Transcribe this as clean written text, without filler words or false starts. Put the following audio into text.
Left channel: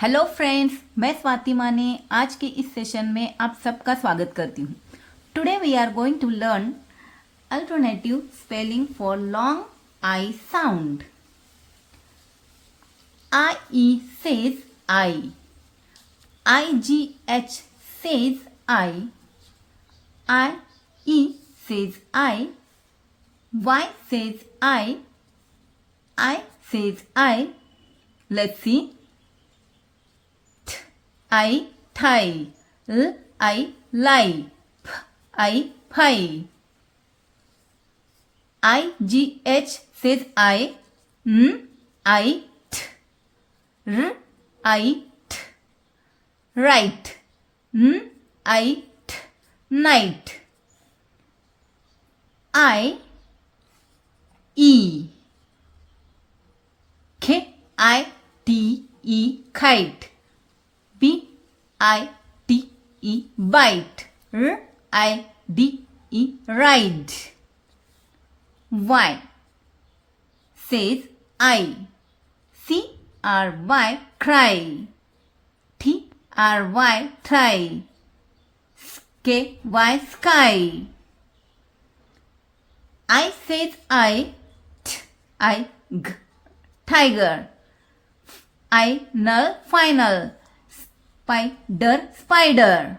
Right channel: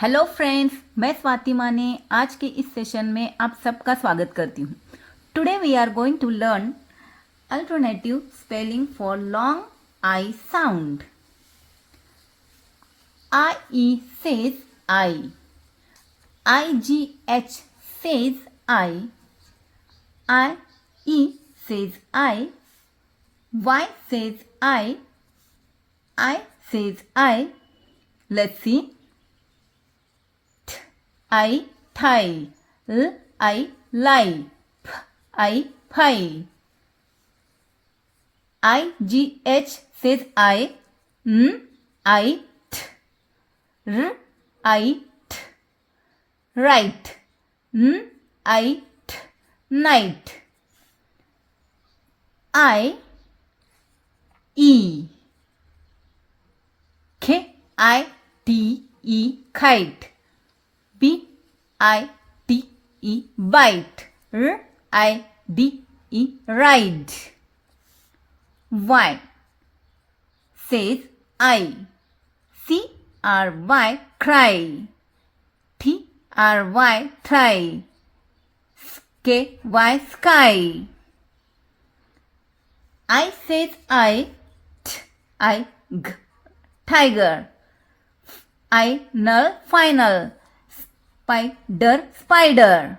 Hello friends, मैं स्वाति माने आज के इस सेशन में आप सबका स्वागत करती हूँ। Today we are going to learn alternative spelling for long I sound. I E says I, I G H says I, I E says I, Y says I says I. Let's see. I tie, L I lie, P I pie. I G H says I, N I T, R I T, right, N I T, night. I E, K I T E kite, B I T E bite, R I D E ride. Y says I, C R Y cry, T R Y try, K Y sky. I says I, T I G tiger, I null final, spider spider.